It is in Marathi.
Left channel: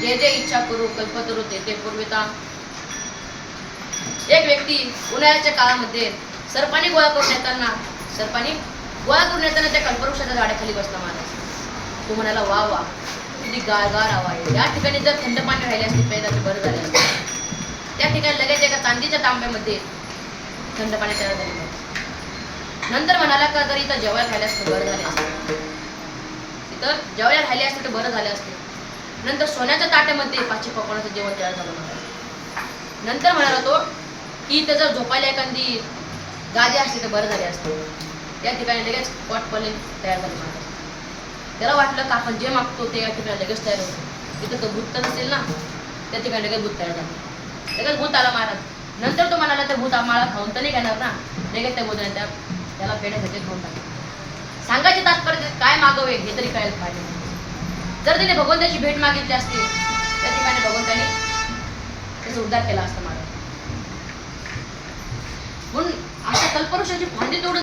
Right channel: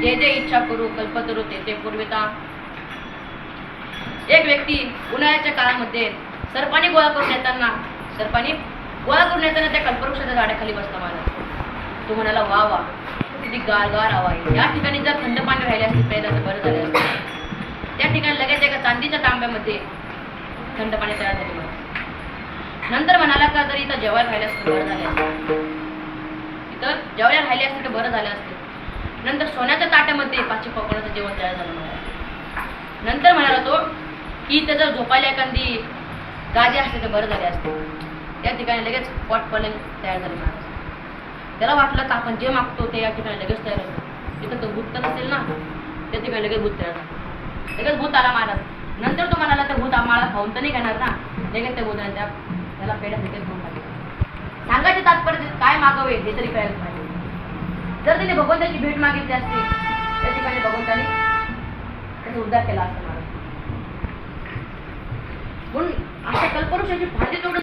जे जे इच्छा करू कल्पतरू ते ते पूर्विता. एक व्यक्ती उन्हाळ्याच्या काळामध्ये सर्पानी गोळा करून येताना त्या कल्पवृक्षाच्या झाडाखाली बसला महाराज. तो म्हणाला वा वा किती गारगार हवा आहे. या ठिकाणी जर थंड पाणी राहिले असते प्यायला तर बरं झाले असते. त्या ठिकाणी लगेच एका चांदीच्या तांब्यामध्ये थंड पाणी तयार झाले. नंतर म्हणाला का जर इथं जेवायला राहिले असते बरं झाले असते. इतर जेवायला राहिले असते तर बरं झाले असते. नंतर सोन्याच्या ताट्यामध्ये 500 पकवानाचं जेवण तयार झालं महाराज. नंतर म्हणाला तो की इथं जर झोपायला एखादी गादी असते तर बरं झाले असते. त्या ठिकाणी लगेच पॉट पलंग तयार झाले महाराज. त्याला वाटलं का आपण जे मागतो ते या ठिकाणी लगेच तयार होतं. तिथं तो भूत तर नसेल ना. त्या ठिकाणी लगेच भूत तयार झालं. लगेच भूत आला महाराज. नंतर तो म्हणाला त्या भूत आम्हाला खाऊन तर नाही घेणार ना. लगेच त्या भूताने त्याला पेढ्यासाठी घेऊन टाकले. सांगायचे तात्पर्य काय मागवे हे तरी कळायला पाहिजे. जर त्याने भगवंताची भेट मागितली असती त्या ठिकाणी भगवंताने त्याचा उद्धार केला असता महाराज. म्हणून अशा कल्पवृक्षाची फांदी तोडून